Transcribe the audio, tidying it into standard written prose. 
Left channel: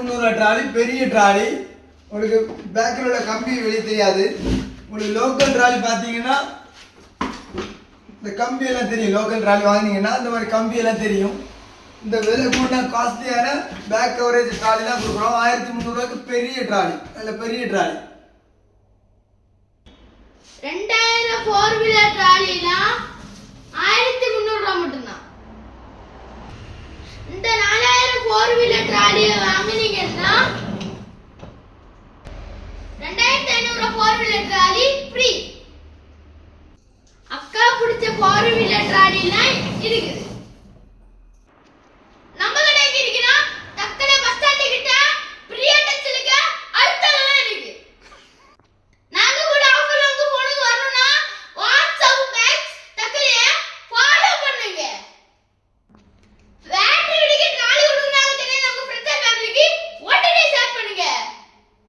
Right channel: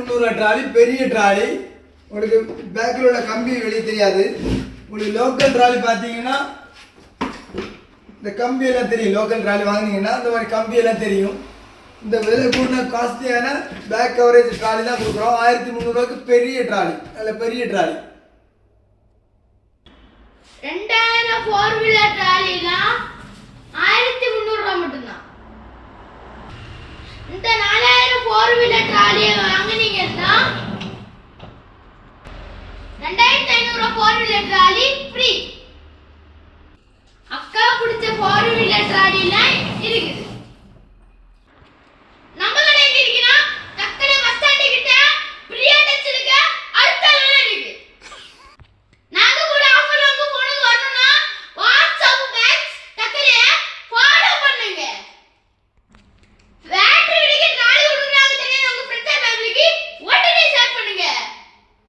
1300 trolley, பெரிய trolley. உங்களுக்கு பேக்கில் உள்ள கம்பி வெளியே தெரியாது. உங்களுக்கு லோக்கல் ட்ராலி பார்த்தீங்கன்னா இந்த கம்பி எல்லாம் தெரியும். லோக்கல் ட்ராலி வாங்கினீங்கன்னா இந்த மாதிரி கம்பி எல்லாம் தெரியும். இந்த வெளியே கூட காஸ்ட்லியான பேக் கவரேஜ் ட்ராலி தான் கொடுக்குறோம். 1300 பெரிய ட்ராலி, நல்ல பெரிய ட்ராலி. 2000 4 வீலர் ட்ராலிலாம் 1300 மட்டும்தான். இந்த 4000 4 வீலர் ட்ராலியை வாங்குனீங்கன்னா 2500 4 வீலர் ட்ராலி ஃப்ரீ. அக்கா பிடிச்ச 4 வீலர் ட்ராலிலாம் இருக்குது.